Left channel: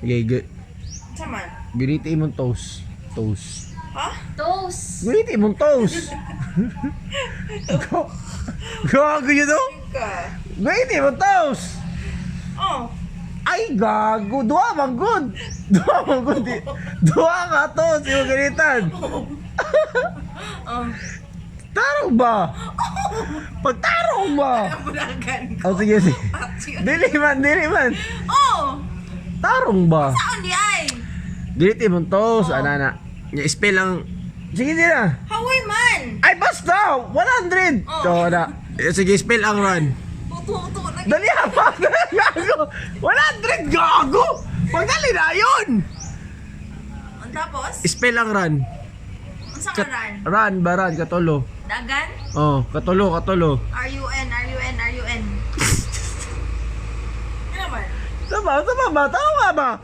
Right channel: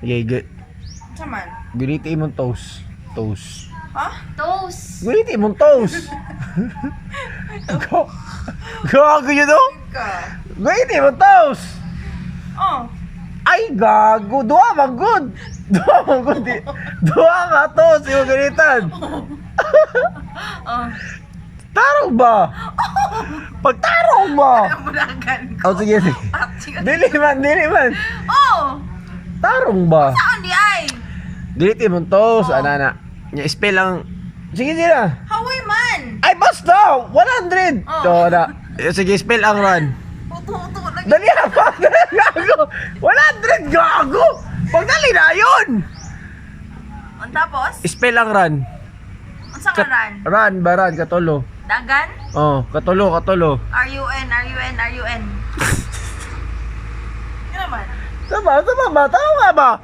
Okay, good. Saman? Guniti mong toast. Toast. Ha? Toast. Guniti mong toast. Gago nyo to? Ka. Guniti mong toast. Oh. Ay, gago. Dua man good. Dua man good. Dua ka toast. Yung ganitan. Oh. Tarong ba? Pagtarong ba? Muragan ko. Oh, sige, sige. Dili man. Oh. Tarong ba? Saan di ay? Guniti mong toast. Anana. Spell lang. Sige, sige na. Hawi man. Ay, basta! 100! Oh. So, na. Sige, spell ang run. Uto-uto lagi. Dali pa! Gago! 100! Gago! Pagdali na yun! Ang tapos? Spell ang run. Ang sa karan? Run ba run? Katulo. Dagan? Oh, katulo. R-U-N. Yan naman. Sama ba? Tama nga ba?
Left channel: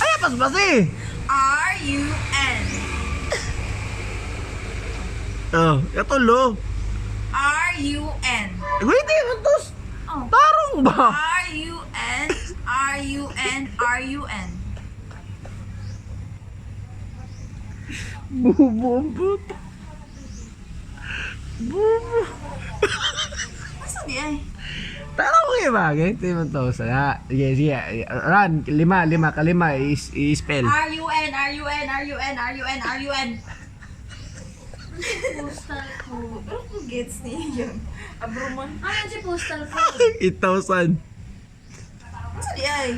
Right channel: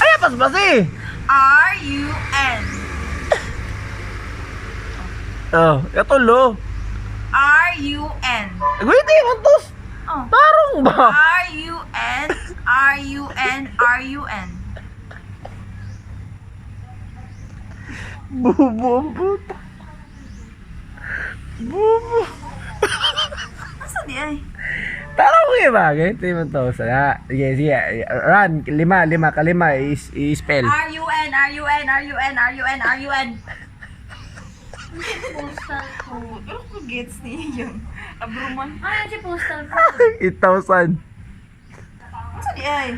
Ay, pas eh! R-U-N. Oh, katulo. R-U-N. Wait, mantos! Oh. Tarong ba? R-U-N. Bubo. Asa di ay? Tarong nga ba? Ganito yung toast. Sige. Run. Kalima. I-spell. R-U-N. Postal code. Ano gets niya yun? Abruman. Ano si postal code? 8,000. Asa di ay?